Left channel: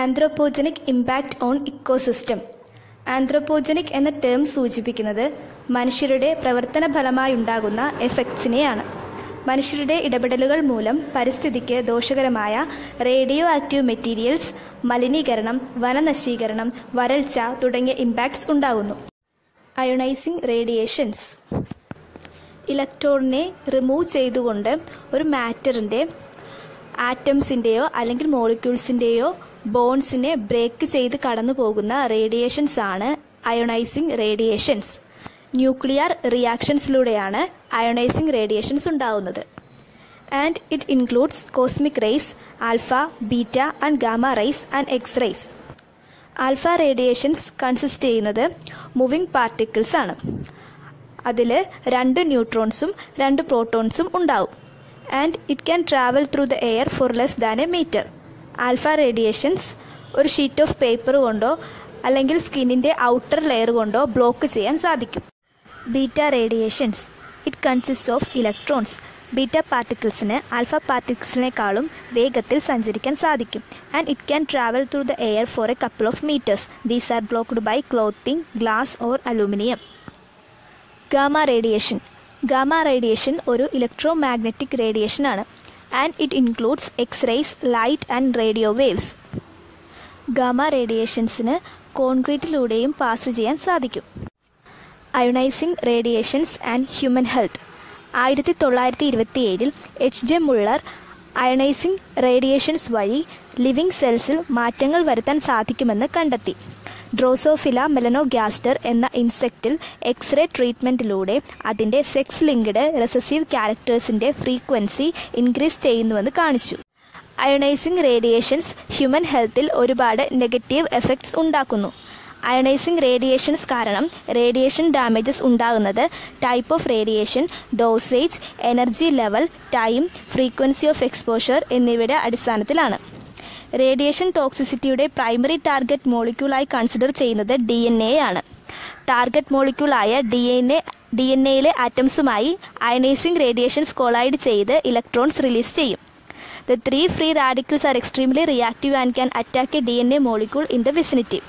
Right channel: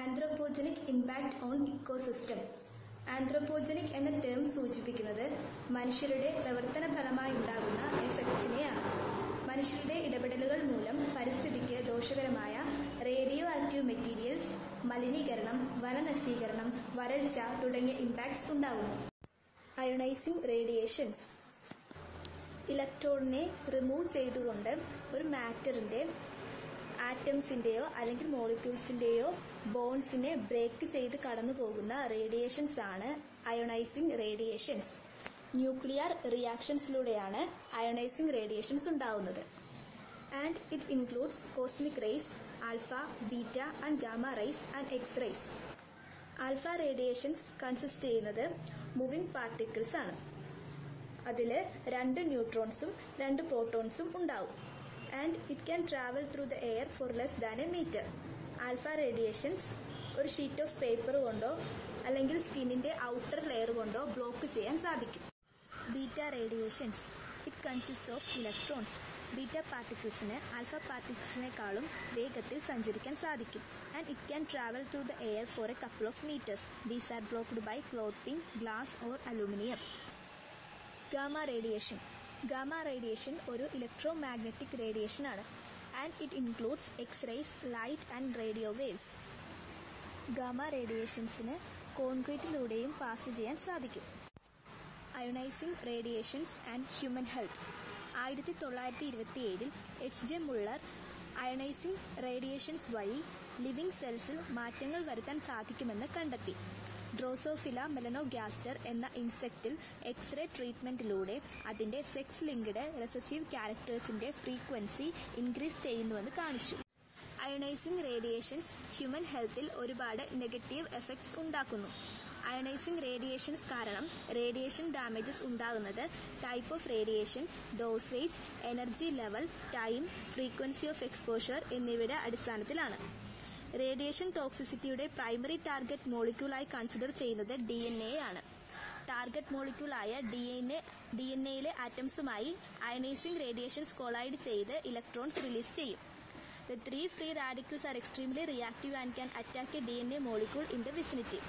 Anthropogenic impact on ecosystem. Anthropogenic എന്ന term സൂചിപ്പിക്കുന്നത് മനുഷ്യരുടെ പ്രവർത്തന ഫലമായുണ്ടാകുന്ന എഫക്ട്സിനെയാണ്. മനുഷ്യരുടെ ഇടപെടലുകൾ മൂലം പരിസ്ഥിതിക്ക് ദോഷകരമായ റേഡിയോ ആക്റ്റീവ് മെറ്റീരിയൽസ്, മലിനീകരണം, വനനശീകരണം, വരൾച്ച തുടങ്ങിയ ഇമ്പാക്ട്സ് ഉണ്ടാകുന്നു. Ionising radiations. ഇലക്ട്രോണിനെ റിമൂവ് ചെയ്തുകൊണ്ട് ഒരു മാറ്ററിൻ്റെ ആറ്റംസിൻ്റെയോ അല്ലെങ്കിൽ മോളിക്യൂൾസിൻ്റെയോ ബോൺസിനെ ബ്രേക്ക് ചെയ്ത് കടന്നു പോകുന്ന റേഡിയേഷൻസ് ആണ് അയോണൈസിങ് റേഡിയേഷൻസ്. ന്യൂക്ലിയർ റിയാക്ഷൻസിലൂടെയാണ് അയോണൈസിങ് റേഡിയേഷൻസ് ഉണ്ടാവുന്നത്. And it includes cosmic rays, alpha, beta and gamma rays and X rays. Alpha radiations consist ചെയ്യുന്നത് മൂവിങ് പാർട്ടിക്കിൾസ് ആണ്. അതിൽ 2 ന്യൂട്രോൺസും 2 പ്രോട്ടോൺസും ഉണ്ടാവും. And it can travel through the air for less than a metre. Alpha radiations ഒരു sheet of paper കൊണ്ടോ അല്ലെങ്കിൽ സ്കിന്നിൻ്റെ ഔട്ടർ ലെയർ കൊണ്ടോ ബ്ലോക്ക് ചെയ്യാൻ സാധിക്കും. Beta radiations. It consist of electrons. Beta പാർട്ടിക്കിൾസിന് ആൽഫ പാർട്ടിക്കിൾസിനേക്കാളും വേഗത്തിൽ സഞ്ചരിക്കാൻ സാധിക്കും. And it can travel through the air for a couple of metres. These are blocked by clothing, glass or aluminium. Gamma radiation. Gamma radiation ഒരു electromagnetic radiation ആണ്. And it includes X rays, light and radio waves. Gamma റേഡിയേഷൻസിന് കോൺക്രീറ്റിലൂടെയും pass ചെയ്യാൻ സാധിക്കും. Ionising radiations and human health. 1927 H.J. Muller ionising radiations വഴി living സെൽസിൽ മാറ്റങ്ങൾ വരുത്താൻ സാധിക്കുമെന്ന് കണ്ടെത്തി. ഡ്രോസോഫില മെലനോഗ്യാസ്റ്റർ എന്ന ഇൻസെക്റ്റിൽ എക്സ്റേ ട്രീറ്റ്മെൻറ്റിലൂടെ അതിൻ്റെ സെക്സ് ലിങ്ക്ഡ് റെസസീവ് ക്യാരക്ടേഴ്സിൻ്റെ ഫ്രീക്വൻസി ഇൻക്രീസ് ചെയ്യുന്നുവെന്ന് കാണിച്ചു. അയോണൈസിങ് റേഡിയേഷൻസ് ഹ്യൂമൻ ഹെൽത്തിൽ ഒരുപാട് നെഗറ്റീവ് എഫക്ട്സ് ഉണ്ടാക്കുന്നു. അയോണൈസിങ് റേഡിയേഷൻസ് കാരണം റേഡിയേഷൻ ഡാമേജസ് ഉണ്ടാകുന്നത് type of radiation, dosage, energy level, time, frequency of exposure എന്നിവയുടെ അടിസ്ഥാനത്തിലാണ്. റേഡിയേഷൻ ടോക്സിസിറ്റിയുടെ പ്രൈമറി ടാർഗറ്റ് മോളിക്യൂളായി കൺസിഡർ ചെയ്യുന്നത് DNA ആണ്. ടാർഗറ്റ് മോളിക്യൂളായ DNA ആറ്റംസുമായി അയനൈസിങ് റേഡിയേഷൻസ് കൊളൈഡ് ചെയ്ത് ഇലക്ട്രോൺസ് റിലീസ് ചെയ്യും. The 3 free radicals are extremely reactive and can attack a DNA molecule in the vicinity.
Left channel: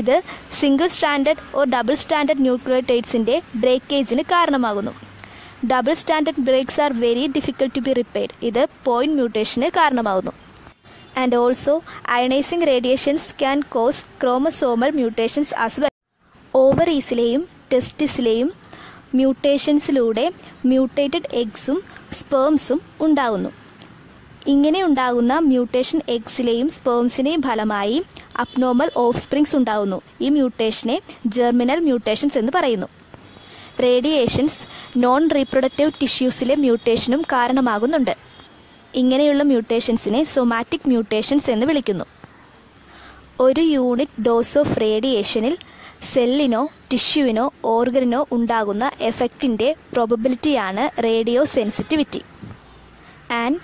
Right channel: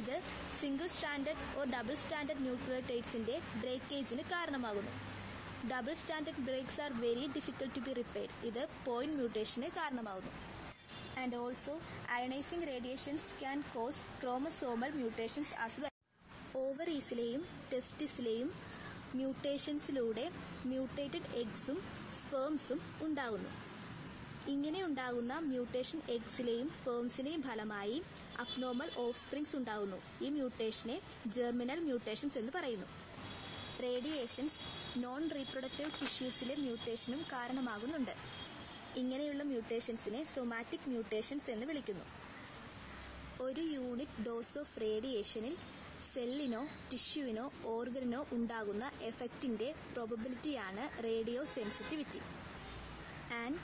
ഇത് single standard or double standard ന്യൂക്ലിയോടൈഡ്സിൻ്റെ ബ്രേക്കേജിന് കാരണമാകുന്നു. Double standard breaks are very difficult to be repaired. ഇത് point മ്യൂട്ടേഷന് കാരണമാകുന്നു. And also ionising radiations can cause chromosomal mutations as well. ഓവറീസിലെയും ടെസ്റ്റിസിലെയും മ്യൂട്ടേഷൻസിലൂടെ മ്യൂട്ടേറ്റഡ് എഗ്സും സ്പേംസും ഉണ്ടാകുന്നു. ഇങ്ങനെ ഉണ്ടാകുന്ന മ്യൂട്ടേഷൻ എഗ്സിലെയും സ്പേംസിനെയും ഫലമായി അബ്നോർമൽ ഓഫ്സ്പ്രിങ്സ് ഉണ്ടാകുന്നു. ഈ മ്യൂട്ടേഷനെ ജെർമിനൽ മ്യൂട്ടേഷൻസ് എന്ന് പറയുന്നു. റേഡിയേഷൻസ് നോൺ റീപ്രൊഡക്റ്റീവ് ടിഷ്യൂസിലെ മ്യൂട്ടേഷനും കാരണമാകുന്നുണ്ട്. ഇങ്ങനെയുള്ള മ്യൂട്ടേഷൻസിനെ സൊമാറ്റിക് മ്യൂട്ടേഷൻസ് എന്ന് വിളിക്കുന്നു. ഒരു യൂണിറ്റ് ഡോസ് ഓഫ് റേഡിയേഷനിൽ സെല്ലിനോ ടിഷ്യൂവിനോ ഓർഗനിനോ ഉണ്ടാകുന്ന എഫക്റ്റിൻ്റെ പ്രോബബിലിറ്റിയാണ് radiosensitivity. And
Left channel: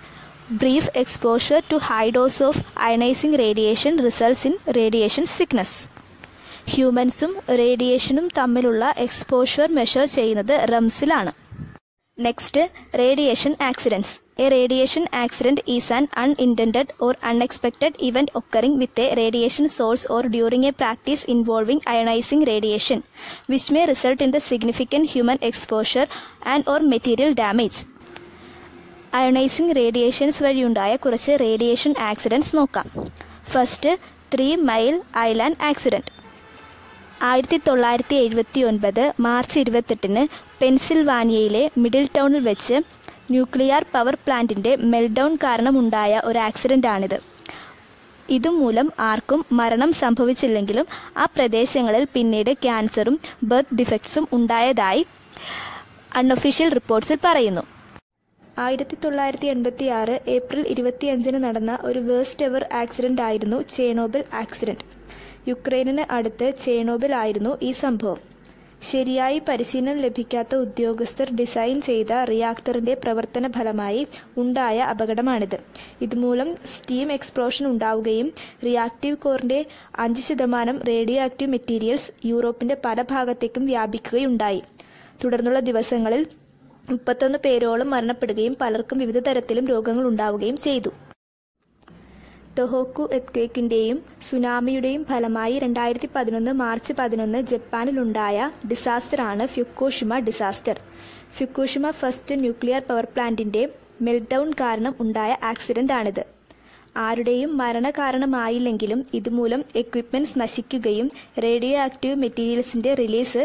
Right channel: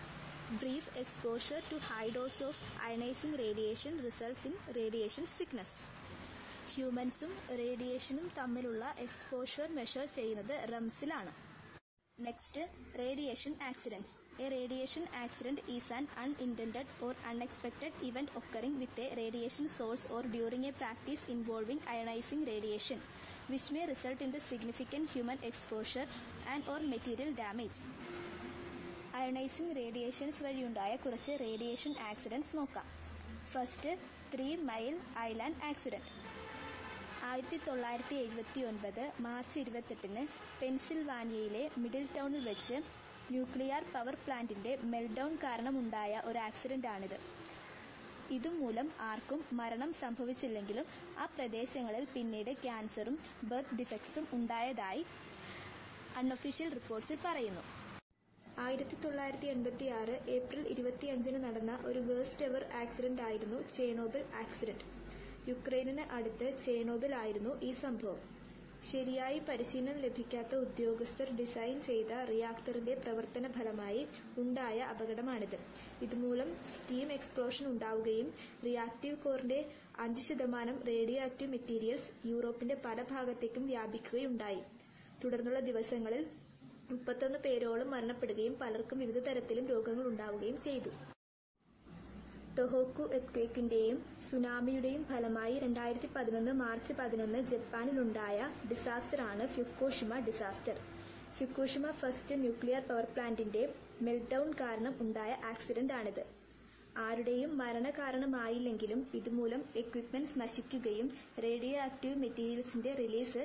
brief exposure to high dose of ionising radiation results in radiation sickness. ഹ്യൂമൻസും റേഡിയേഷനും തമ്മിലുള്ള എക്സ്പോഷർ മെഷർ ചെയ്യുന്നത് റംസിലാണ്. Next, radiation accidents. A radiation accident is an unintended or unexpected event occurring with a radiation source or during a practice involving ionising radiation which may result in the significant human exposure and or material damage. Ionising radiations വഴിയുണ്ടായ കുറച്ച് radiation accidents നോക്കാം. First, 3 Mile Island accident. 1979 March 28 പെൻസിൽവാനിയയിലെ middle ടൗണിൽ വെച്ച് nuclear power പ്ലാന്റിൻ്റെ മെൽഡൗൺ കാരണമുണ്ടായ ഒരു ആക്സിഡൻ്റാണിത്. ഇതുമൂലം ആർക്കും മരണം സംഭവിച്ചില്ലെങ്കിലും ആ പ്രദേശങ്ങളിൽ പിന്നീട് ക്യാൻസറും ബർത്ത് ഡിഫക്ട്സും ഉണ്ടായതായി അൺഒഫീഷ്യൽ റിപ്പോർട്ട്സിൽ പറയുന്നു. 1986 ഏപ്രിൽ 25 നടന്ന ഒരു വേഴ്സ്റ്റ് എവർ ആക്സിഡൻ്റ് ആയിരുന്നു ചേർണോബിൽ ആക്സിഡൻറ്റ്. യുക്രൈനിന് അടുത്ത് ചേർണോബിൽ ആയിരുന്നു ഈ സംഭവം. ശരിയായി പരിശീലനം ലഭിക്കാത്ത ഉദ്യോഗസ്ഥർ ഡിസൈൻ ചെയ്ത റിയാക്ടറിൻ്റെ പ്രവർത്തന ഫലമായി ഉണ്ടായ അപകടമാണിത്. ഇതുമൂലം സ്റ്റീം എക്സ്പ്ലോഷൻ ഉണ്ടാവുകയും റിയാക്റ്റീവ് കോറിൻ്റെ 5% റേഡിയോ ആക്റ്റീവ് മെറ്റീരിയൽസ് യൂറോപ്പിൻ്റെ പല ഭാഗത്തേക്കും വ്യാപിക്കുകയുണ്ടായി. തുടർന്നുള്ള ദിവസങ്ങളിൽ 31 പേരോളം മരണപ്പെടുകയും പലർക്കും വിവിധ തരത്തിലും രോഗങ്ങൾ ഉണ്ടാവുകയും ചെയ്തു. ടൊഹോക്കു എർത്ത്ക്വേക്കിൻ്റെയും സുനാമിയുടെയും ഫലമായി 2011 മാർച്ച് 11 ജപ്പാനിലുണ്ടായ ഡിസാസ്റ്ററാണ് Fukushima disaster. Fukushima first nuclear power പ്ലാന്റിൻ്റെ മെൽട്ട്ഡൗൺ കാരണം ഉണ്ടായ ആക്സിഡൻ്റാണിത്. ആരുടെയും മരണകാരണമായില്ലെങ്കിലും ഇതുമൂലം എക്വിപ്മെൻറ്റ്സ് നശിക്കുകയും റേഡിയോ ആക്റ്റീവ് മെറ്റീരിയൽസിൻ്റെ റിലീസ്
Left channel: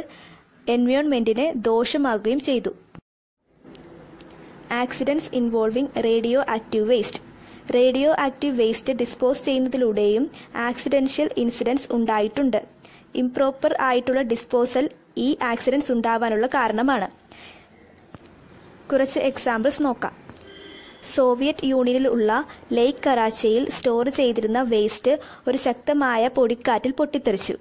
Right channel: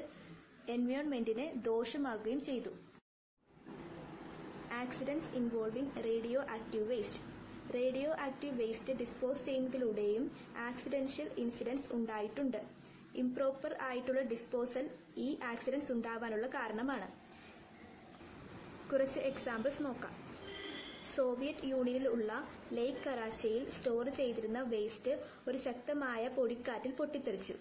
എൻവയോൺമെൻറ്റിന് ദോഷമാകുകയും ചെയ്തു. Accidents involving radioactive waste. Radioactive waste dispose ചെയ്യുന്നതിലൂടെയും ആക്സിഡൻഷ്യൽ ഇൻസിഡൻറ്റ്സ് ഉണ്ടായിട്ടുണ്ട്. ഇംപ്രോപ്പർ ആയിട്ടുള്ള ഡിസ്പോസൽ ഈ ആക്സിഡൻറ്റ്സ് ഉണ്ടാവാനുള്ള കാരണമാണ്. കുറച്ച് എക്സാമ്പിൾസ് നോക്കാം. സോവിയറ്റ് യൂണിയനിൽ ഉള്ള ലേക്ക് കറാച്ചിയിൽ സ്റ്റോർ ചെയ്തിരുന്ന വേസ്റ്റ് ഒരു ശക്തമായ പൊടിക്കാറ്റിൽ പൊട്ടിത്തെറിച്ചു.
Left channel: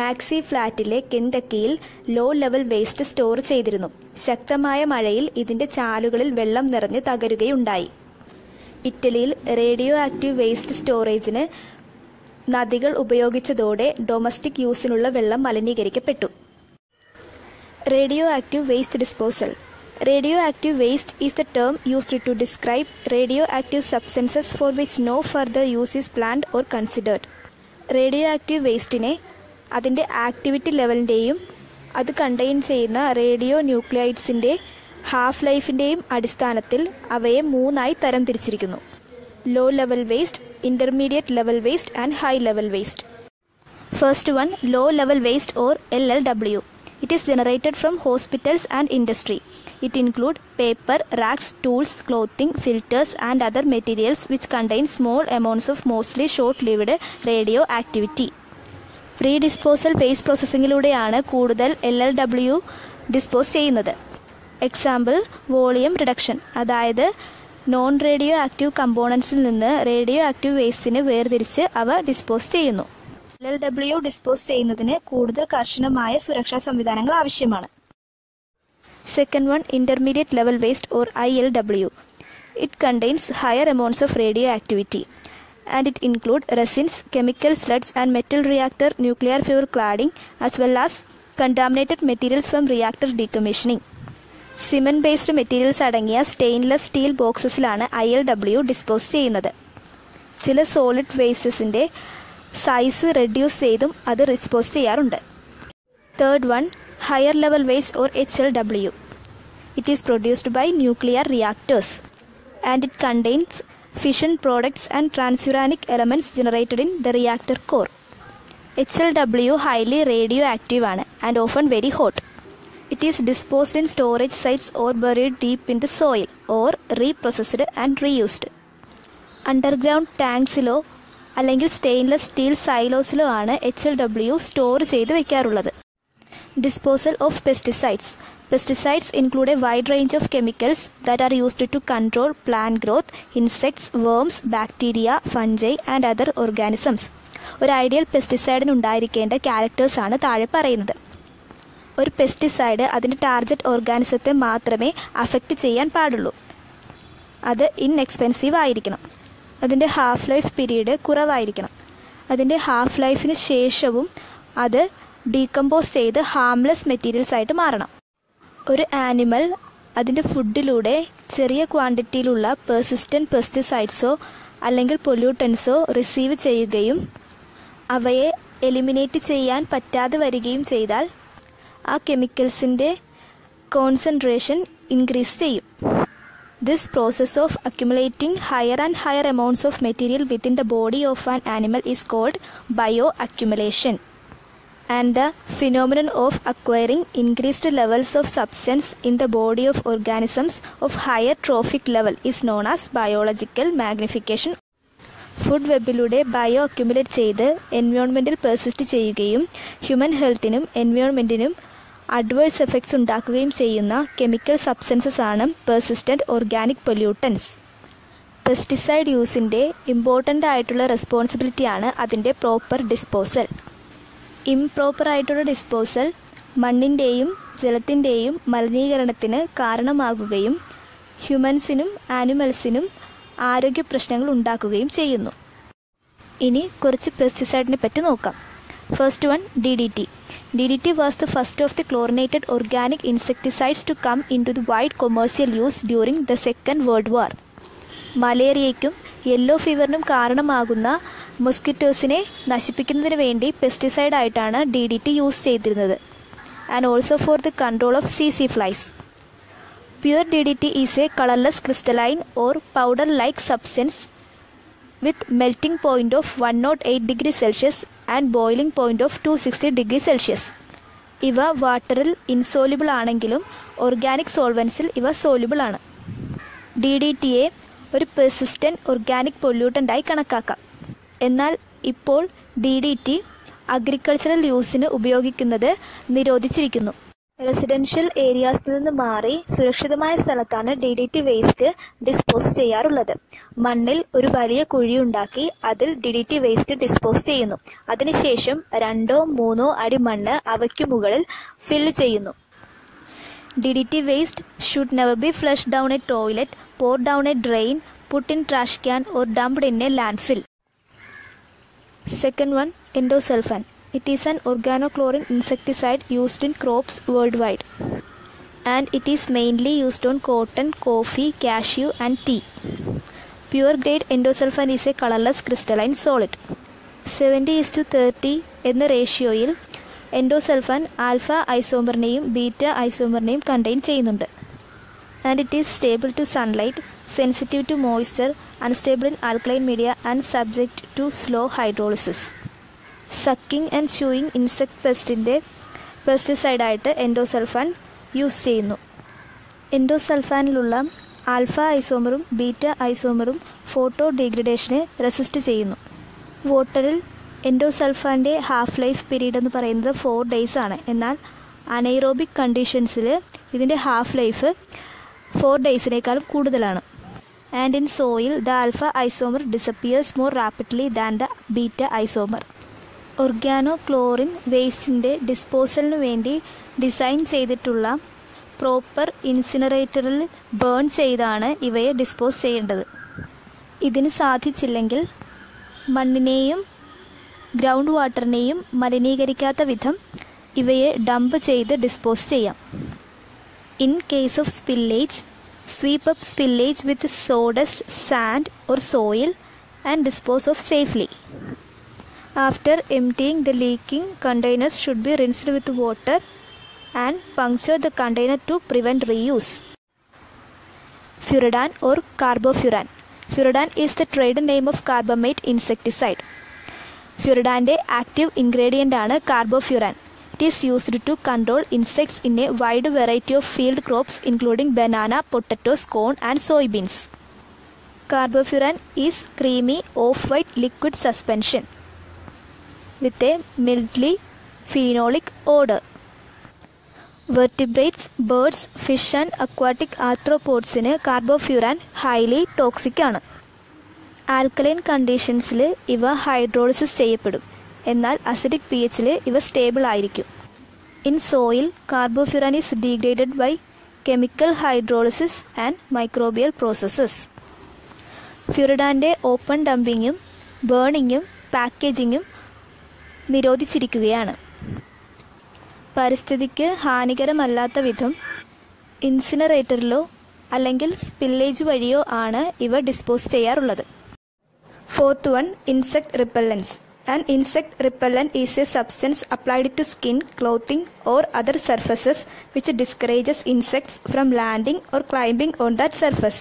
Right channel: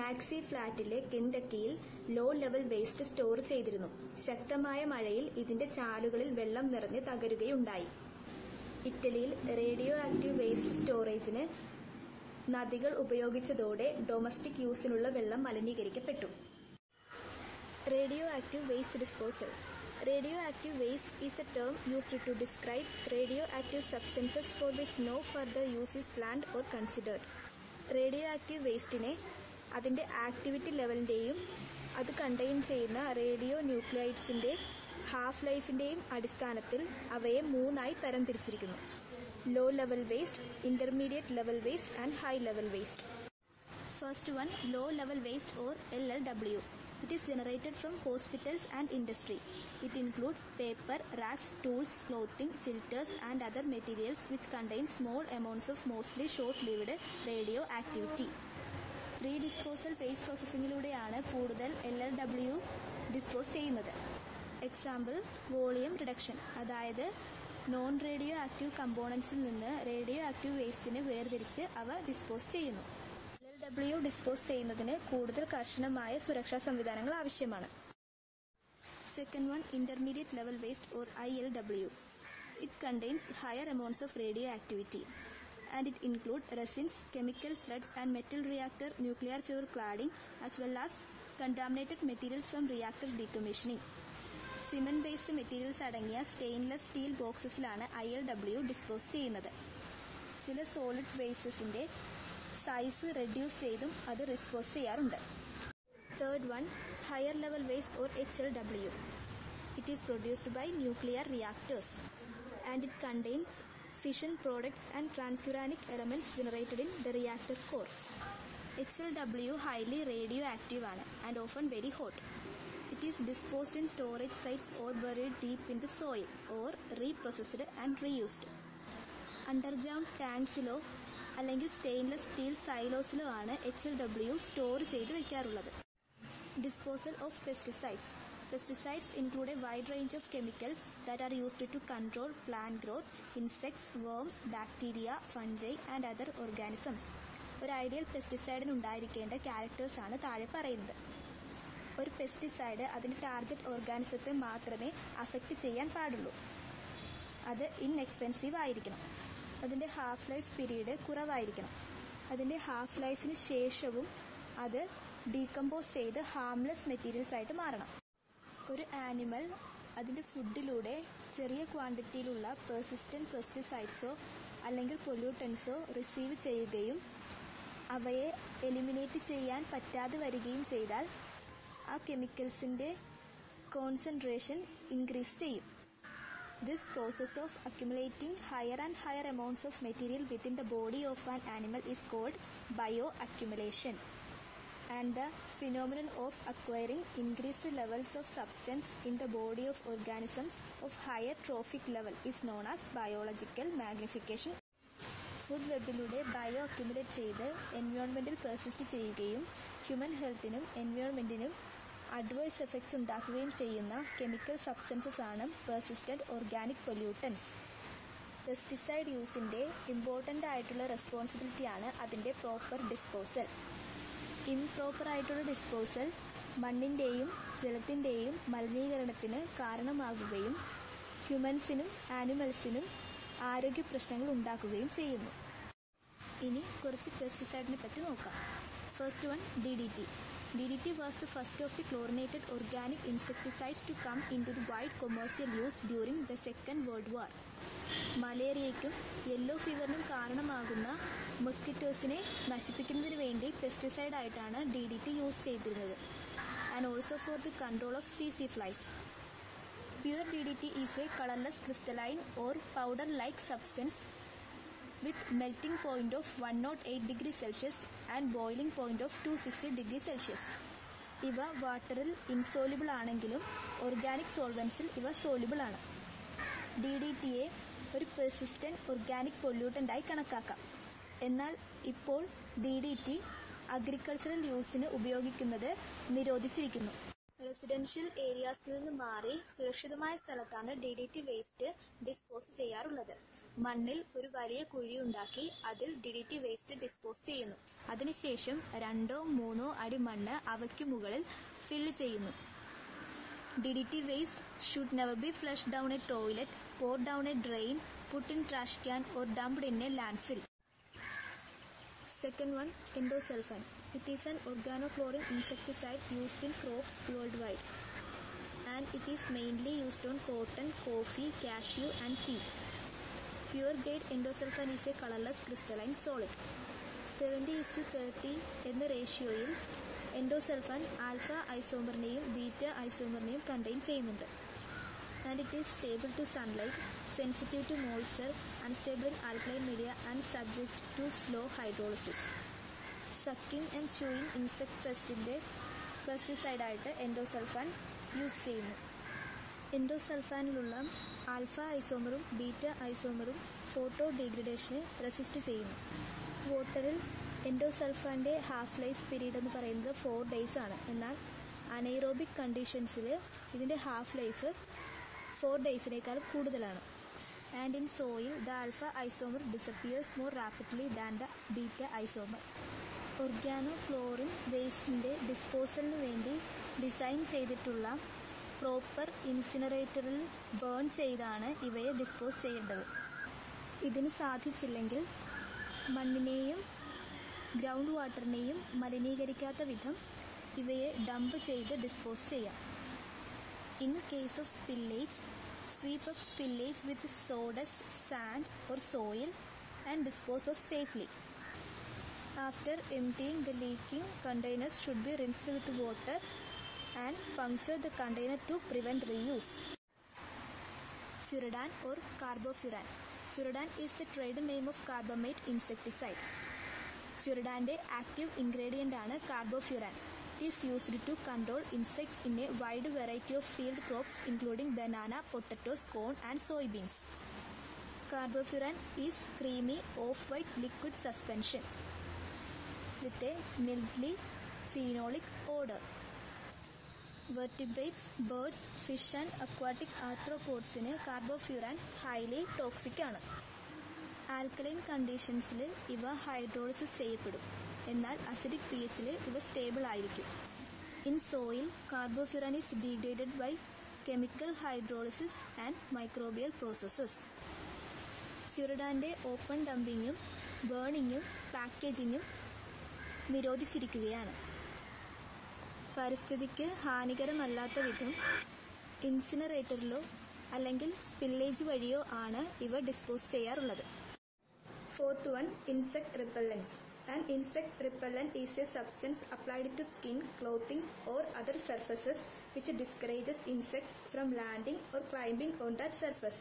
മാക്സി ഫ്ലാറ്റിലെ കെന്തക്കിയിൽ ലോ ലെവൽ വേസ്റ്റ് സ്റ്റോർ ചെയ്തിരുന്നു. ശക്തമായ മഴയിൽ ഇതിൻ്റെ ചാലുകളിൽ വെള്ളം നിറഞ്ഞ് തകരുകയുണ്ടായി. ഇറ്റലിയിൽ റേഡിയോ ആക്റ്റീവ് വേസ്റ്റ് സ്റ്റോറേജിന് നദികൾ ഉപയോഗിച്ചതോടെ ഡൊമസ്റ്റിക് യൂസിനുള്ള വെള്ളം മലിനീകരിക്കപ്പെട്ടു. Radioactive waste disposal. Radioactive waste is the term used to describe radioactive substances for which no further use is planned or considered. Radioactive വേസ്റ്റിനെ അതിൻ്റെ ആക്ടിവിറ്റി ലെവലിൻ്റെയും അത് കണ്ടെയ്ൻ ചെയ്യുന്ന റേഡിയോ ന്യൂക്ലിയൈഡ്സിൻ്റെ ഹാഫ് ലൈഫിൻ്റെയും അടിസ്ഥാനത്തിൽ അവയെ 3ആയി തരംതിരിച്ചിരിക്കുന്നു: low level waste, intermediate level waste and high level waste. First one, low level waste or LLW. It is generated from hospitals and industry. It includes paper, rags, tools, clothing, filters and other materials which contain small amounts of mostly short-lived radioactivity. Pre disposal waste പ്രോസസ്സിങ്ങിലൂടെയാണ് കൂടുതൽ LLW dispose ചെയ്യുന്നത്. Example, volume reduction, അതായത് non radioactive കമ്പോണൻസിൽ നിന്ന് radio active വേസ്റ്റിനെ വേർതിരിച്ച് അവ dispose ചെയ്യുന്നു. LLW dispose ചെയ്യുന്നതിന് കൂടുതൽ കർശനമായ സുരക്ഷാ സംവിധാനങ്ങൾ ആവശ്യമാണ്. Second one, intermediate level waste or ILW. It contains higher amounts of radioactivity and it includes resins, chemical slugs and metal reactor nuclear fuel cladding as well as contaminated materials from reactor decommissioning. Cement based materials അടങ്ങിയ stainless steel ബോക്സസിലാണ് ILW dispose ചെയ്യുന്നത്. ചില solid വേസ്റ്റസിൻ്റെ size reduce ചെയ്തും അത് dispose ചെയ്യാറുണ്ട്. Third one, higher level waste or HLW. It is produced by nuclear reactors and it contains fission products and transuranic elements generated in the reactor core. HLW highly radioactive and often very hot. It is disposed in storage sites or buried deep in the soil or reprocessed and reused. Underground ടാങ്ക്സിലോ അല്ലെങ്കിൽ stainless steel സൈലോസിലോ ആണ് HLW store ചെയ്ത് വയ്ക്കാറുള്ളത്. Disposal of pesticides. Pesticides include a wide range of chemicals that are used to control plant growth, insects, worms, bacteria, fungi and other organisms. ഒരു ideal പെസ്റ്റിസൈഡിന് ഉണ്ടായിരിക്കേണ്ട ക്യാരക്ടേഴ്സാണ് താഴെ പറയുന്നത്. ഒരു പെസ്റ്റിസൈഡ് അതിൻ്റെ ടാർഗറ്റ് ഓർഗാനിസത്തെ മാത്രമേ അഫക്റ്റ് ചെയ്യാൻ പാടുള്ളൂ. അത് ഇൻഎക്സ്പെൻസീവ് ആയിരിക്കണം. അതിൻ്റെ ഹാഫ് ലൈഫ് പീരീഡ് കുറവായിരിക്കണം. അതിൻ്റെ ഹാഫ് ലൈഫിന് ശേഷവും അത് ഡീകമ്പോസ് ചെയ്ത് ഹാംലെസ് മെറ്റീരിയൽസ് ആയിട്ട് മാറണം. ഒരു ആനിമൽ അതിൻ്റെ ഫുഡിലൂടെ ചെറിയ ക്വാണ്ടിറ്റിയിലുള്ള പെർസിസ്റ്റൻറ്റ് പെസ്റ്റിസൈഡ്സോ അല്ലെങ്കിൽ പൊല്യൂട്ടൻസോ റിസീവ് ചെയ്യുകയും അവയെ എലിമിനേറ്റ് ചെയ്യാൻ പറ്റാതെ വരികയും ചെയ്താൽ ആ കെമിക്കൽസിൻ്റെ കോൺസെൻട്രേഷൻ ഇൻക്രീസ് ചെയ്യും. This process of accumulating higher and higher amounts of material within the body of an animal is called bioaccumulation. And the phenomenon of acquiring increased levels of substance in the body of organisms of higher trophic level is known as biological magnification. Food വെബിലൂടെ bioaccumulate ചെയ്ത് എൻവയോൺമെൻറ്റിൽ persist ചെയ്യുകയും human ഹെൽത്തിനും എൻവയോൺമെൻറ്റിനും adverse effects ഉണ്ടാക്കുകയും ചെയ്യുന്ന chemical substances ആണ് persistent organic pollutants. Pesticide യൂസിൻ്റെ ഇമ്പോർട്ടൻ്റ് ആയിട്ടുള്ള റെസ്പോൺസിബിലിറ്റിയാണ് അതിൻ്റെ പ്രോപ്പർ ഡിസ്പോസൽ. ഇംപ്രോപ്പർ ആയിട്ടുള്ള ഡിസ്പോസൽ മണ്ണിൻ്റെയും ജലത്തിൻ്റെയും മലിനീകരണത്തിന് കാരണമാകുകയും ഹ്യൂമൻസിനും ആനിമൽസിനും ആരോഗ്യ പ്രശ്നങ്ങൾ ഉണ്ടാക്കുകയും ചെയ്യുന്നു. ഇനി കുറച്ച് പെസ്റ്റിസൈഡിനെ പറ്റി നോക്കാം. First one, DDT. DDT was the first of the chlorinated organic insecticides to come into the wide commercial use during the Second World War. മലേറിയയ്ക്കും യെല്ലോ ഫീവറിനും കാരണമാകുന്ന മൊസ്കിറ്റോസിനെ നശിപ്പിക്കുന്നതിന് വേണ്ടി പെസ്റ്റിസൈഡായിട്ടാണ് DDT യൂസ് ചെയ്തിരുന്നത്. And also for the control of CC flies. Pure DDT is a colorless crystalline or powder-like substance with melting point of 108 degrees Celsius and boiling point of 260 degrees Celsius. ഇവ വാട്ടറിൽ insoluble ആണെങ്കിലും organic സോൾവൻസിൽ ഇവ soluble ആണ്. DDTയെ ഒരു persistent organic പൊല്യൂട്ടൻ്റായി കണക്കാക്കാം. എന്നാൽ ഇപ്പോൾ DDT agricultural യൂസിന് ഉപയോഗിക്കുന്നത് നിരോധിച്ചിരിക്കുന്നു. റെസിഡൻഷ്യൽ ഏരിയാസിൽ നിന്ന് മാറി സുരക്ഷിതമായ സ്ഥലത്താണ് DDT വേസ്റ്റ് ഡിസ്പോസ് ചെയ്യാറുള്ളത്. മണ്ണിൽ ഒരു വലിയ കുഴിയുണ്ടാക്കി അതിൽ DDT വേസ്റ്റ് ഡിസ്പോസ് ചെയ്യുന്നു. അതിനുശേഷം 2-3 അടി മണ്ണ് അവയ്ക്കു മുകളിൽ ഫില്ല് ചെയ്യുന്നു. DDT waste should never be flush down a toilet, pour down a drain, put in trash can or dumped in a landfill. Second one, endosulfan. It is an organochlorine insecticide used in crops worldwide, and it is mainly used on cotton, coffee, cashew and tea. Pure grade endosulfan is a colorless crystalline solid. 70:30 എന്ന റേഷ്യോയിൽ endosulfan alpha ഐസോമറിനെയും beta ഐസോമറിനെയും contain ചെയ്യുന്നുണ്ട്. And it is stable to sunlight, sensitive to moisture, unstable in alkaline media and subject to slow hydrolysis. Sucking and chewing insect പെസ്റ്റിൻ്റെ പെസ്റ്റിസൈഡായിട്ട് endosulfan use ചെയ്യുന്നു. എൻഡോസൾഫാനിലുള്ള alpha ഐസോമറും beta ഐസോമറും photo ഡീഗ്രഡേഷനെ resist ചെയ്യുന്നു. വാട്ടറിൽ എൻഡോസൾഫാൻ്റെ ഹാഫ് ലൈഫ് പീരീഡ് എന്ന് പറയുന്നത് 4 days ആണ്. എന്നാൽ അനൈറോബിക് കണ്ടീഷൻസിൽ ഇതിൻ്റെ ഹാഫ് ലൈഫ് 4 daysനേക്കാളും കൂടുതലാണ്. And in soil the alpha isomer disappears more rapidly than the beta isomer. Organochlorine വേസ്റ്റിൻ്റെ ഡിസ്പോസലിന് വേണ്ടി ഡിസൈൻ ചെയ്തിട്ടുള്ള പ്രോപ്പർ ഇൻസിനറേറ്ററിൽ ബേൺ ചെയ്താണ് ഇവയെ ഡിസ്പോസ് ചെയ്യേണ്ടത്. ഇതിന് സാധിച്ചില്ലെങ്കിൽ മണ്ണിനെയും ഗ്രൗണ്ട് വാട്ടറിനെയും മലിനീകരിക്കാത്ത വിധം ഇവയെ ഡംപ് ചെയ്ത് ഡിസ്പോസ് ചെയ്യാം. In case of spillage, sweep up spillage with sawdust, sand or soil and dispose of safely. After emptying, the leaking containers should be rinsed with water and puncture the container to prevent reuse. Furadan or carbofuran. Furadan is the trade name of carbamate insecticide. Furadante active ingredient ആണ് carbofuran. It is used to control insects in a wide variety of field crops including banana, potatoes, corn and soybeans. Carbofuran is creamy off-white liquid suspension with a mildly phenolic odor. Vertebrates, birds, fish and aquatic arthropodsന് carbofuran highly toxic ആണ്. Alkaline കണ്ടീഷൻസിൽ ഇവ hydrolysis ചെയ്യപ്പെടും. എന്നാൽ acidic pHൽ ഇവ stable ആയിരിക്കും. In soil, carbofuran is degraded by chemical hydrolysis and microbial processes. ഫ്യൂറിഡാൻ്റെ ഓപ്പൺ ഡംപിങ്ങും ബേണിങ്ങും പാക്കേജിങ്ങും നിരോധിച്ചിരിക്കുകയാണ്. പരിസ്ഥിതിക്ക് ഹാനികരമല്ലാത്ത വിധം ഇൻസിനറേറ്ററിലോ അല്ലെങ്കിൽ സ്പില്ലേജ് വഴിയോ ആണ് ഇവ ഡിസ്പോസ് ചെയ്യാറുള്ളത്. Fourth one, insect repellents. An insect repellent is a substance applied to skin, clothing or other surfaces which discourages insects from landing or climbing on that surface.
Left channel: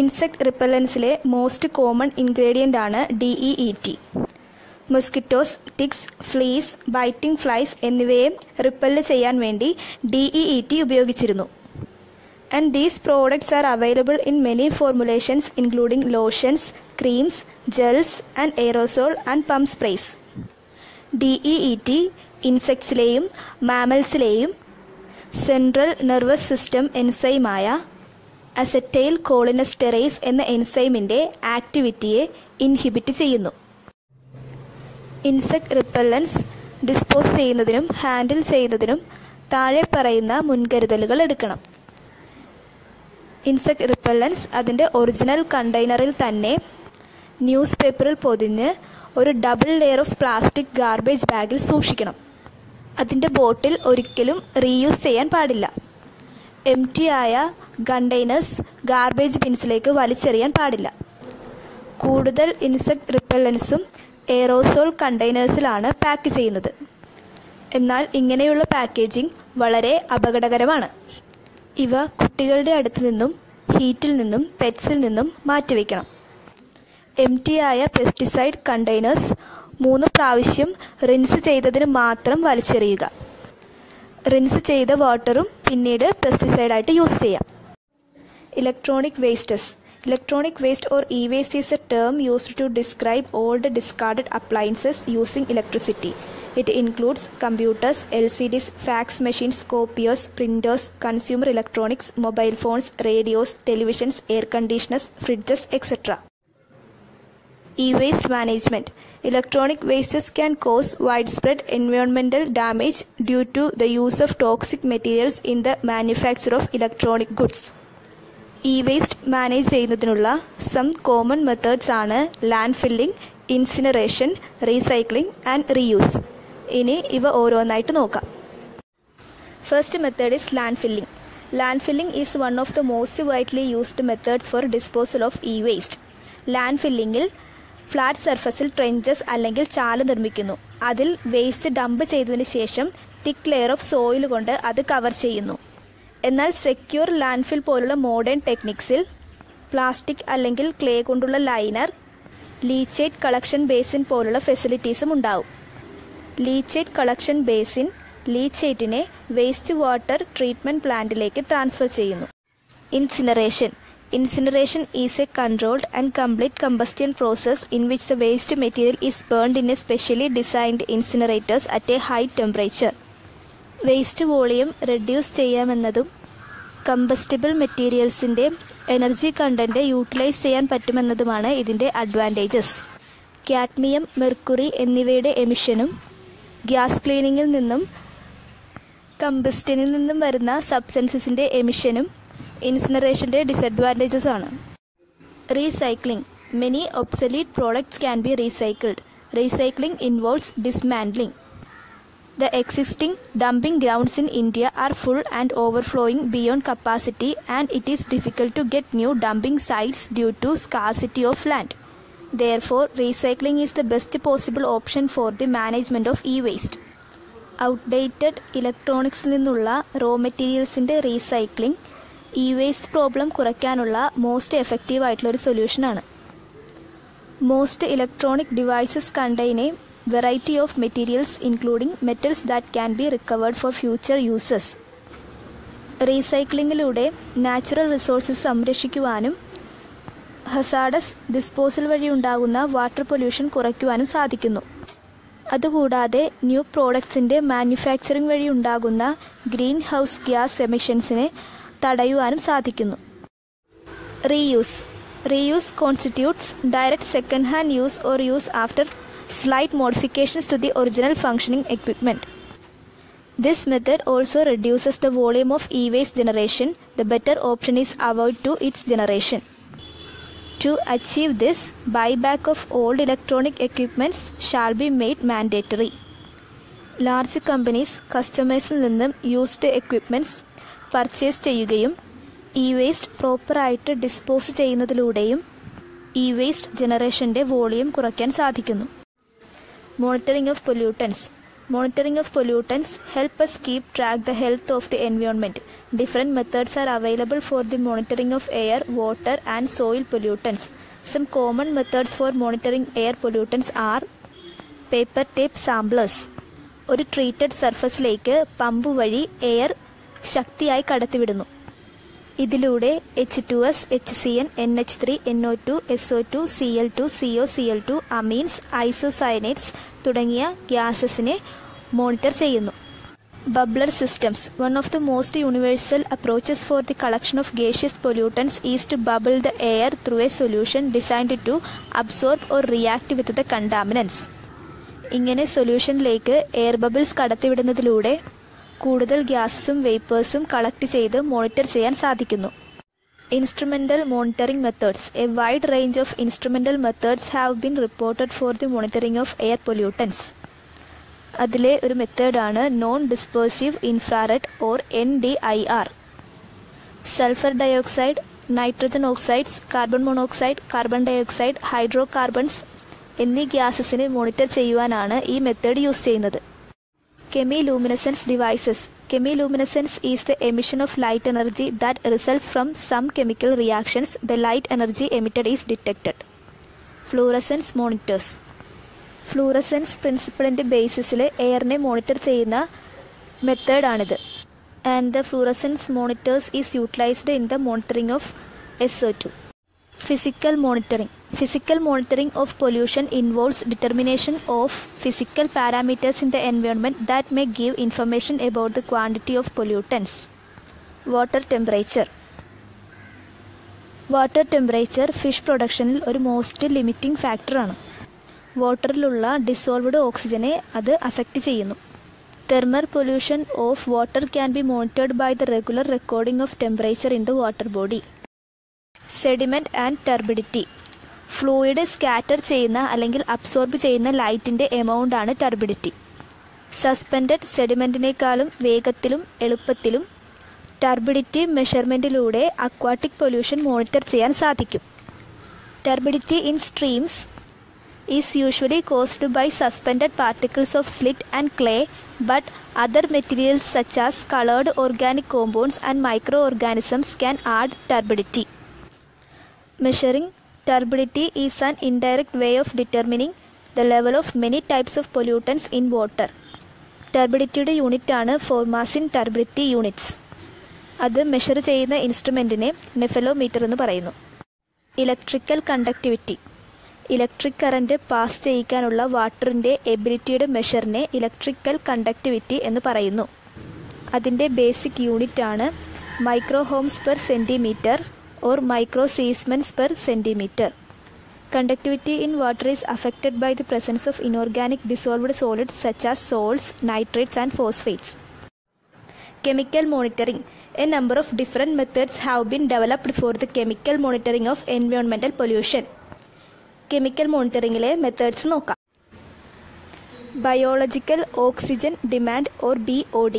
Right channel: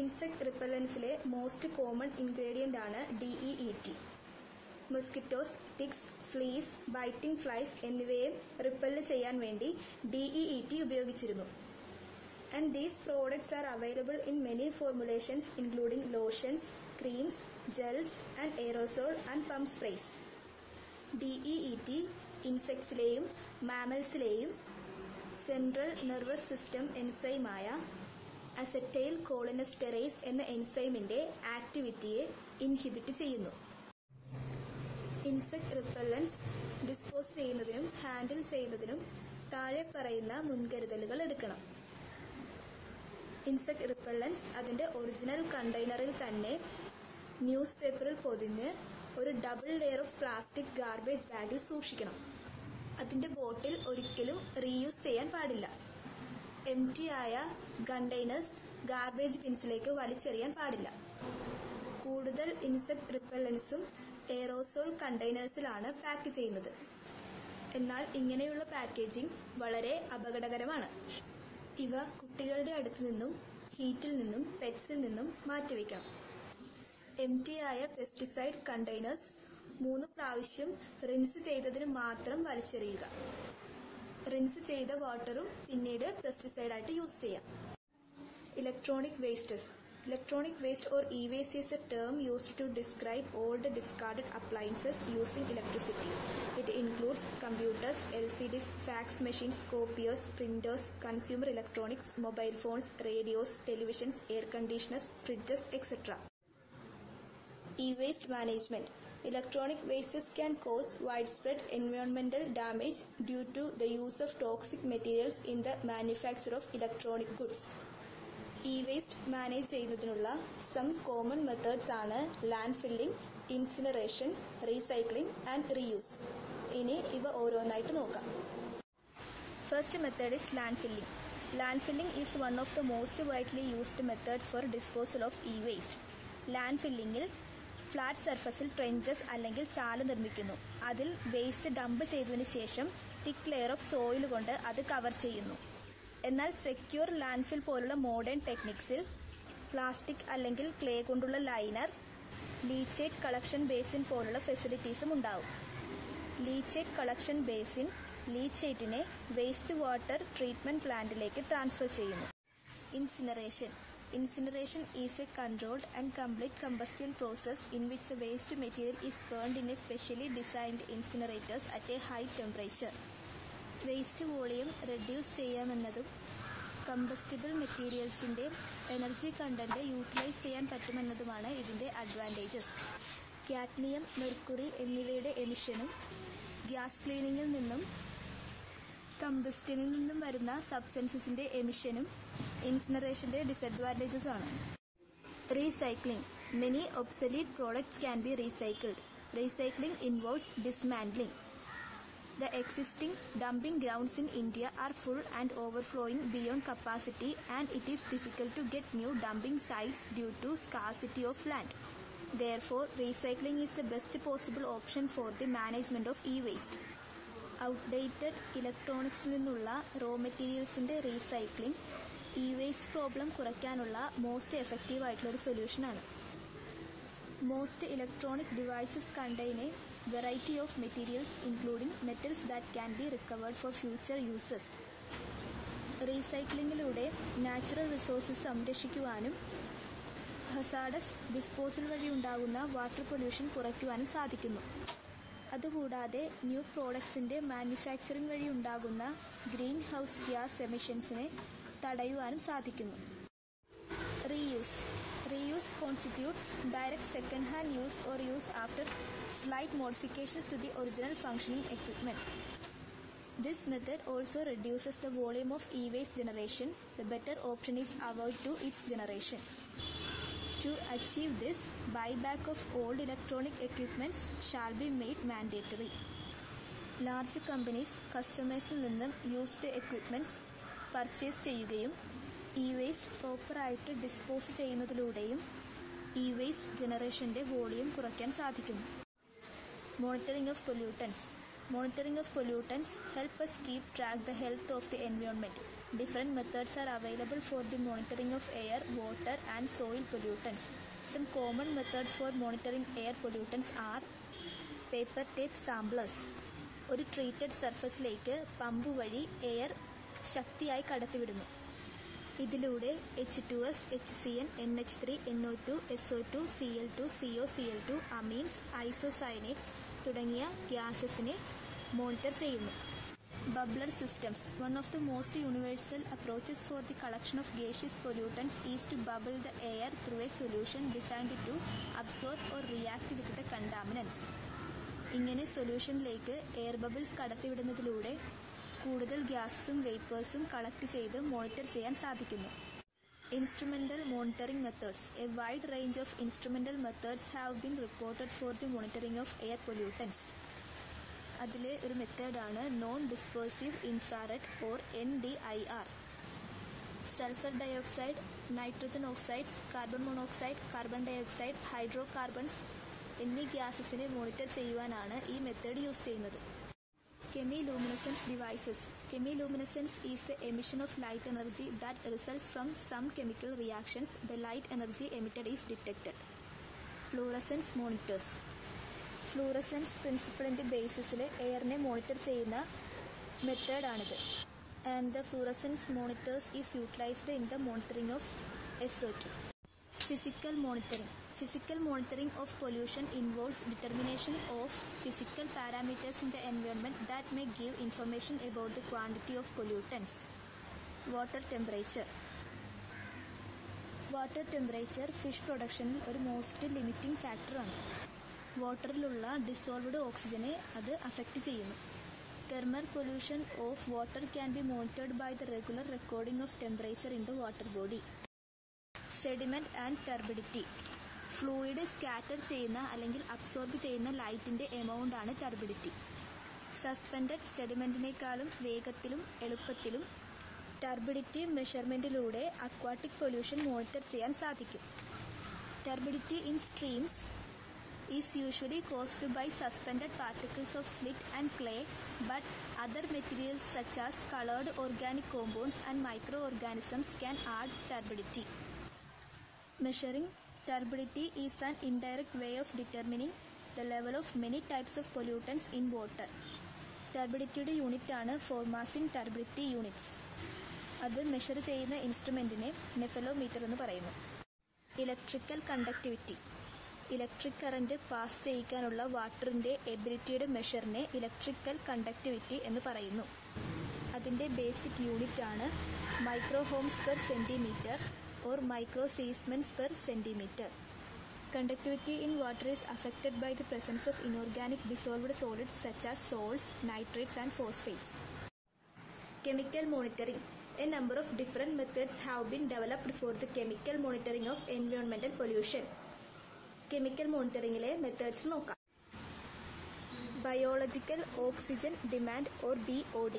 Insect repellentsലെ മോസ്റ്റ് കോമൺ ഇൻഗ്രീഡിയൻ്റ് ആണ് DEET. Mosquitoes, ticks, fleas, biting flies എന്നിവയെ repel ചെയ്യാൻ വേണ്ടി DEET ഉപയോഗിച്ചിരുന്നു. And these products are available in many formulations including lotions, creams, gels and aerosol and pump sprays. DEET ഇൻസെക്ട്സിലെയും മാമൽസിലെയും central nervous system എൻസൈമായ acetylcholinesterase എന്ന എൻസൈമിൻ്റെ ആക്ടിവിറ്റിയെ ഇൻഹിബിറ്റ് ചെയ്യുന്നു. ഇൻസെക്ട് റിപ്പല്ലൻസ് ഡിസ്പോസ് ചെയ്യുന്നതിനും ഹാൻഡിൽ ചെയ്യുന്നതിനും താഴെ പറയുന്ന മുൻകരുതലുകൾ എടുക്കണം. ഇൻസെക്ട് റിപ്പല്ലൻസ് അതിൻ്റെ ഒറിജിനൽ കണ്ടെയ്നറിൽ തന്നെ ന്യൂസ് പേപ്പറിൽ പൊതിഞ്ഞ് ഒരു double layer of plastic garbage ബാഗിൽ സൂക്ഷിക്കണം. അതിൻ്റെ ബോട്ടിൽ ഒരിക്കലും റീയൂസ് ചെയ്യാൻ പാടില്ല. എംറ്റി ആയ കണ്ടെയ്നേഴ്സ് ഗാർബേജ് ബിൻസിലേക്ക് വലിച്ചെറിയാൻ പാടില്ല. കൂടുതൽ ഇൻസെക്ട് റിപ്പല്ലൻസും എയറോസോൾ കണ്ടെയ്നേഴ്സിലാണ് പാക്ക് ചെയ്യുന്നത്. എന്നാൽ ഇങ്ങനെയുള്ള പാക്കേജിംഗ് വളരെ അപകടകരമാണ്. ഇവ കുട്ടികളുടെ അടുത്ത് നിന്നും ഹീറ്റിൽ നിന്നും പെറ്റ്സിൽ നിന്നും മാറ്റിവെക്കണം. എംറ്റിയായ പെസ്റ്റിസൈഡ് കണ്ടെയ്നേഴ്സ് 3 പ്രാവശ്യം റിൻസ് ചെയ്തതിന് മാത്രം വലിച്ചെറിയുക. റിൻസ് ചെയ്ത വാട്ടറും പിന്നീട് പെസ്റ്റിസൈഡായിട്ട് യൂസ് ചെയ്യാം. Electronic wastes. Electronic waste or e-waste is a term used to describe all the discarded appliances using electricity. It includes computers, LCDs, fax machines, copiers, printers, consumer electronics, mobile phones, radios, televisions, air conditioners, fridges, etc. E-waste management. Electronic wastes can cause widespread environmental damage due to the use of toxic materials in the manufacture of electronic goods. E-waste manage ചെയ്യുന്നതിനുള്ള some common methods ആണ് land filling, incineration, recycling and reuse. ഇനി ഇവ ഓരോന്നായിട്ട് നോക്കാം. First method is land filling. Land filling is one of the most widely used methods for disposal of e waste. Land ഫില്ലിങ്ങിൽ flat സർഫസിൽ trenches അല്ലെങ്കിൽ ചാല് നിർമ്മിക്കുന്നു. അതിൽ വേസ്റ്റ് ഡംപ് ചെയ്തതിന് ശേഷം തിക്ക് ലെയർ ഓഫ് സോയിൽ കൊണ്ട് അത് കവർ ചെയ്യുന്നു. എന്നാൽ സെക്യൂർ ലാൻഡ്ഫിൽ പോലുള്ള മോഡേൺ ടെക്നിക്സിൽ പ്ലാസ്റ്റിക് അല്ലെങ്കിൽ ക്ലേ കൊണ്ടുള്ള ലൈനർ, ലീച്ചേറ്റ് കളക്ഷൻ ബേസിൻ പോലുള്ള ഫെസിലിറ്റീസും ഉണ്ടാവും. ലീച്ചേറ്റ് കളക്ഷൻ ബേസിൻ ലീച്ചേറ്റിനെ വേസ്റ്റ് വാട്ടർ ട്രീറ്റ്മെൻറ്റ് പ്ലാന്റിലേക്ക് ട്രാൻസ്ഫർ ചെയ്യുന്നു. Incineration. Incineration is a controlled and complete combustion process in which the waste material is burned in a specially designed incinerators at a high temperature. Waste volume reduce ചെയ്യാമെന്നതും combustible മെറ്റീരിയൽസിൻ്റെ energy content utilise ചെയ്യാൻ പറ്റുമെന്നതുമാണ് ഇതിൻ്റെ advantages. Cadmium, mercury എന്നിവയുടെ എമിഷനും gas ക്ലീനിങ്ങിൽ നിന്നും കമ്പസ്റ്റനിൽ നിന്നും വരുന്ന സബ്സ്റ്റൻസസിൻ്റെ എമിഷനും ഇൻസിനറേഷൻ്റെ disadvantages ആണ്. Recycling. Many obsolete products can be recycled. Recycling involves dismantling. The existing dumping grounds in India are full and overflowing beyond capacity, and it is difficult to get new dumping sites due to scarcity of land. Therefore, recycling is the best possible option for the management of e-waste. Outdated electronics നിന്നുള്ള raw മെറ്റീരിയൽസിൻ്റെ recycling e-waste problem കുറയ്ക്കാനുള്ള most effective ആയിട്ടുള്ള ഒരു സൊല്യൂഷനാണ്. Most electronic devices contain a variety of materials including metals that can be recovered for future uses. റീസൈക്ലിങ്ങിലൂടെ natural resources സംരക്ഷിക്കുവാനും hazardous disposal വഴി ഉണ്ടാകുന്ന വാട്ടർ പൊല്യൂഷൻ കുറയ്ക്കുവാനും സാധിക്കുന്നു. അതുകൂടാതെ ന്യൂ പ്രോഡക്ട്സിൻ്റെ മാനുഫാക്ചറിംഗ് വഴി ഉണ്ടാകുന്ന ഗ്രീൻ ഹൗസ് ഗ്യാസ് എമിഷൻസിനെ തടയുവാനും സാധിക്കുന്നു. Reuse. Reuse constitutes direct second hand use or use after slight modifications to the original functioning equipment. This method also reduces the volume of e-waste generation. The better option is avoid to its generation. To achieve this, buyback of old electronic equipments shall be made mandatory. Large companies കസ്റ്റമേഴ്സിൽ നിന്നും used equipments purchase ചെയ്യുകയും e-waste പ്രോപ്പറായിട്ട് dispose ചെയ്യുന്നതിലൂടെയും e-waste ജനറേഷൻ്റെ volume കുറയ്ക്കാൻ സാധിക്കുന്നു. Monitoring of pollutants. Monitoring of pollutants help us keep track the health of the environment. Different methods are available for the monitoring of air, water and soil pollutants. Some common methods for monitoring air pollutants are paper tape samplers. ഒരു treated സർഫസിലേക്ക് pump വഴി air ശക്തിയായി കടത്തിവിടുന്നു. ഇതിലൂടെ H2S, HCN, NH3, NO2, SO2, Cl2, CO, Cl2, amines, isocyanates തുടങ്ങിയ ഗ്യാസസിനെ monitor ചെയ്യുന്നു. Bubbler systems. One of the most universal approaches for the collection of gaseous pollutants is to bubble the air through a solution designed to absorb or react with the contaminants. ഇങ്ങനെ സൊല്യൂഷനിലേക്ക് air bubbles കടത്തിവിടുന്നതിലൂടെ കൂടുതൽ ഗ്യാസസും വേപ്പേഴ്സും collect ചെയ്ത് monitor ചെയ്യാൻ സാധിക്കുന്നു. Instrumental monitoring methods. A wide range of instrumental methods have been reported for the monitoring of air pollutants. അതിലെ ഒരു മെത്തേഡാണ് non dispersive infrared or NDIR. Sulphur dioxide, nitrogen oxides, carbon monoxide, carbon dioxide, hydrocarbons എന്നീ ഗ്യാസസിനെ monitor ചെയ്യുവാനാണ് ഈ method use ചെയ്യുന്നത്. Chemiluminescence devices. Chemiluminescence is the emission of light energy that results from some chemical reactions. The light energy emitted is detected. Fluorescence monitors. Fluorescence പ്രിൻസിപ്പിളിൻ്റെ ബേസിസിൽ എയറിനെ monitor ചെയ്യുന്ന മെത്തേഡാണിത്. And the fluorescence monitors is utilised in the monitoring of SO2. Physical monitoring. Physical monitoring of pollution involves determination of physical parameters in the environment that may give information about the quantity of pollutants. Water temperature. Water temperature fish പ്രൊഡക്ഷനിൽ ഒരു most limiting ഫാക്ടറാണ്. വാട്ടറിലുള്ള dissolved ഓക്സിജനെ അത് affect ചെയ്യുന്നു. Thermal pollution of water can be monitored by the regular recording of temperature in the water body. Sediment and turbidity. Fluid scatter ചെയ്യുന്ന അല്ലെങ്കിൽ absorb ചെയ്യുന്ന ലൈറ്റിൻ്റെ എമൗണ്ടാണ് turbidity. Suspended സെഡിമെൻറ്റിനേക്കാളും വേഗത്തിലും എളുപ്പത്തിലും ടർബിഡിറ്റി മെഷർമെൻറ്റിലൂടെ അക്വാട്ടിക് പൊല്യൂഷൻ മോണിറ്റർ ചെയ്യാൻ സാധിക്കും. Turbidity in streams is usually caused by suspended particles of slit and clay, but other materials such as colored organic compounds and microorganisms can add turbidity. Measuring turbidity is an indirect way of determining the level of many types of pollutants in water. ടർബിഡിറ്റിയുടെ യൂണിറ്റാണ് formazin turbidity units. അത് measure ചെയ്യുന്ന ഇൻസ്ട്രുമെൻറ്റിനെ nephelometer എന്ന് പറയുന്നു. Electrical conductivity. Electric current pass ചെയ്യിക്കാനുള്ള വാട്ടറിൻ്റെ എബിലിറ്റിയുടെ മെഷറിനെ ഇലക്ട്രിക്കൽ കണ്ടക്ടിവിറ്റി എന്ന് പറയുന്നു. അതിൻ്റെ ബേസിക് യൂണിറ്റാണ് micromhos per centimetre or microsiemens per centimeter. Conductivity in water is affected by the presence of inorganic dissolved solids such as salts, nitrates and phosphates. Chemical monitoring. A number of different methods have been developed for the chemical monitoring of environmental pollution. Chemical monitoringile methods നോക്കാം. Biological oxygen demand or BOD.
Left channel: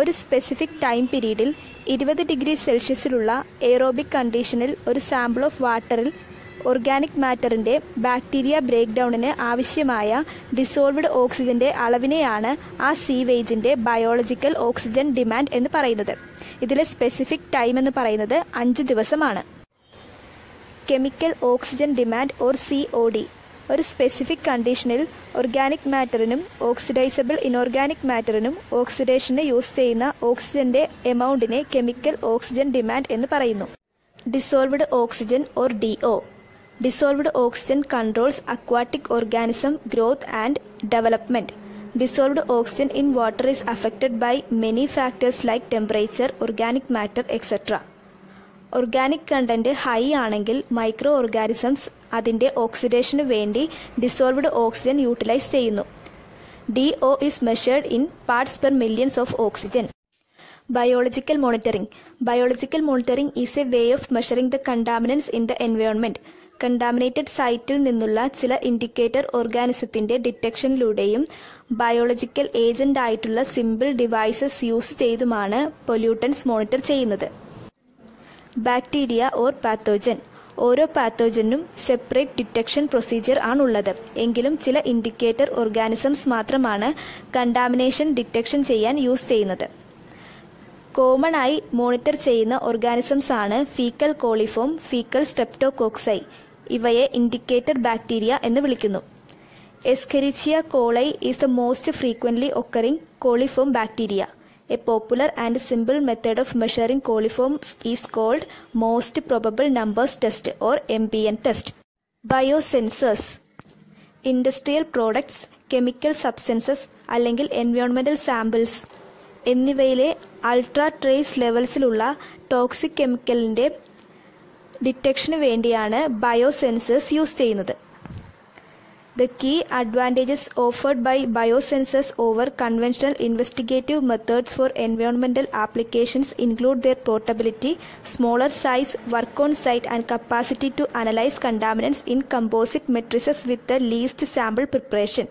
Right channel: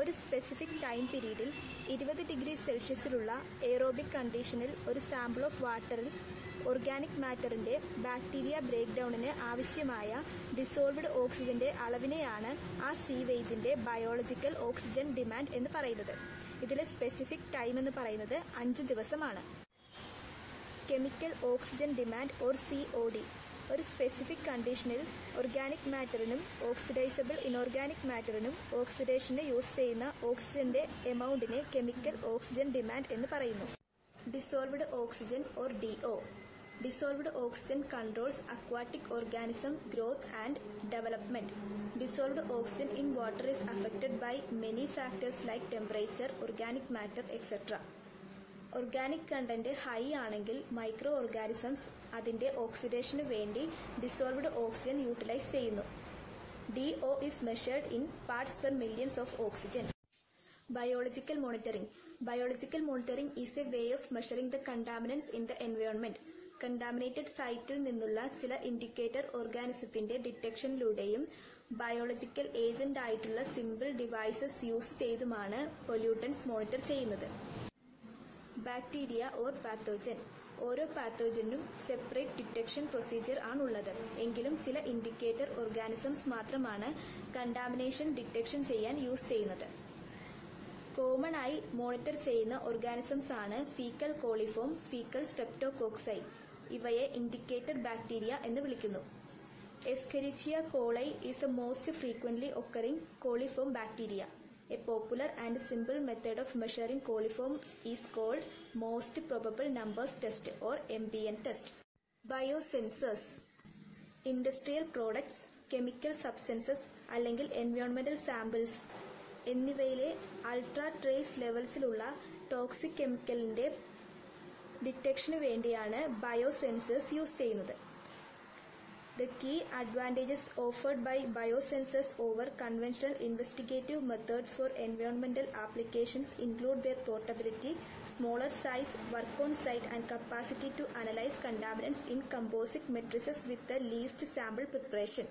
ഒരു specific time പീരീഡിൽ 20 degree സെൽഷ്യസിലുള്ള aerobic കണ്ടീഷനിൽ ഒരു sample of വാട്ടറിൽ organic മാറ്ററിൻ്റെ bacteria break ഡൗണിന് ആവശ്യമായ dissolved ഓക്സിജൻ്റെ അളവിനെയാണ് ആ സീവേജിൻ്റെ biological oxygen demand എന്ന് പറയുന്നത്. ഇതിലെ സ്പെസിഫിക് ടൈം എന്ന് പറയുന്നത് 5 ദിവസമാണ്. Chemical oxygen demand or COD. ഒരു സ്പെസിഫിക് കണ്ടീഷനിൽ ഓർഗാനിക് മാറ്ററിനും ഓക്സിഡൈസബിൾ ഇനോർഗാനിക് മാറ്ററിനും ഓക്സിഡേഷന് യൂസ് ചെയ്യുന്ന ഓക്സിജൻ്റെ എമൗണ്ടിനെ കെമിക്കൽ ഓക്സിജൻ ഡിമാൻഡ് എന്ന് പറയുന്നു. Dissolved oxygen or DO. Dissolved oxygen controls aquatic organism growth and development. Dissolved oxygen in water is affected by many factors like temperature, organic matter etcetera. Organic content high ആണെങ്കിൽ microorganisms അതിൻ്റെ ഓക്സിഡേഷന് വേണ്ടി dissolved oxygen utilise ചെയ്യുന്നു. DO is measured in parts per millions of oxygen. Biological monitoring. Biological monitoring is a way of measuring the contaminants in the environment. Contaminated സൈറ്റിൽ നിന്നുള്ള ചില indicator ഓർഗാനിസത്തിൻ്റെ ഡിറ്റക്ഷനിലൂടെയും ബയോളജിക്കൽ ഏജൻ്റ് ആയിട്ടുള്ള സിമ്പിൾ ഡിവൈസസ് യൂസ് ചെയ്തുമാണ് pollutants monitor ചെയ്യുന്നത്. Bacteria or pathogen. ഓരോ പാത്തോജനും സെപ്പറേറ്റ് ഡിറ്റക്ഷൻ പ്രൊസീജിയർ ആണുള്ളത്. എങ്കിലും ചില ഇൻഡിക്കേറ്റർ ഓർഗാനിസംസ് മാത്രമാണ് കണ്ടാമിനേഷൻ ഡിറ്റക്ഷൻ ചെയ്യാൻ യൂസ് ചെയ്യുന്നത്. കോമൺ ആയി മോണിറ്റർ ചെയ്യുന്ന ഓർഗാനിസംസ് ആണ് ഫീക്കൽ കോളിഫോം, ഫീക്കൽ സ്ട്രെപ്റ്റോകോക്സൈ. ഇവയെ ഇൻഡിക്കേറ്റർ ബാക്ടീരിയ എന്ന് വിളിക്കുന്നു. Escherichia coli is the most frequently occurring coliform bacteria. A popular and simple method of measuring coliforms is called Most Probable Numbers Test or MPN test. Biosensors. Industrial products, chemical substances അല്ലെങ്കിൽ environmental samples എന്നിവയിലെ ultra trace ലെവൽസിലുള്ള toxic കെമിക്കലിൻ്റെ ഡിറ്റക്ഷന് വേണ്ടിയാണ് ബയോസെൻസേഴ്സ് use ചെയ്യുന്നത്. The key advantages offered by biosensors over conventional investigative methods for environmental applications include their portability, smaller size, work on site, and capacity to analyze contaminants in composite matrices with the least sample preparation.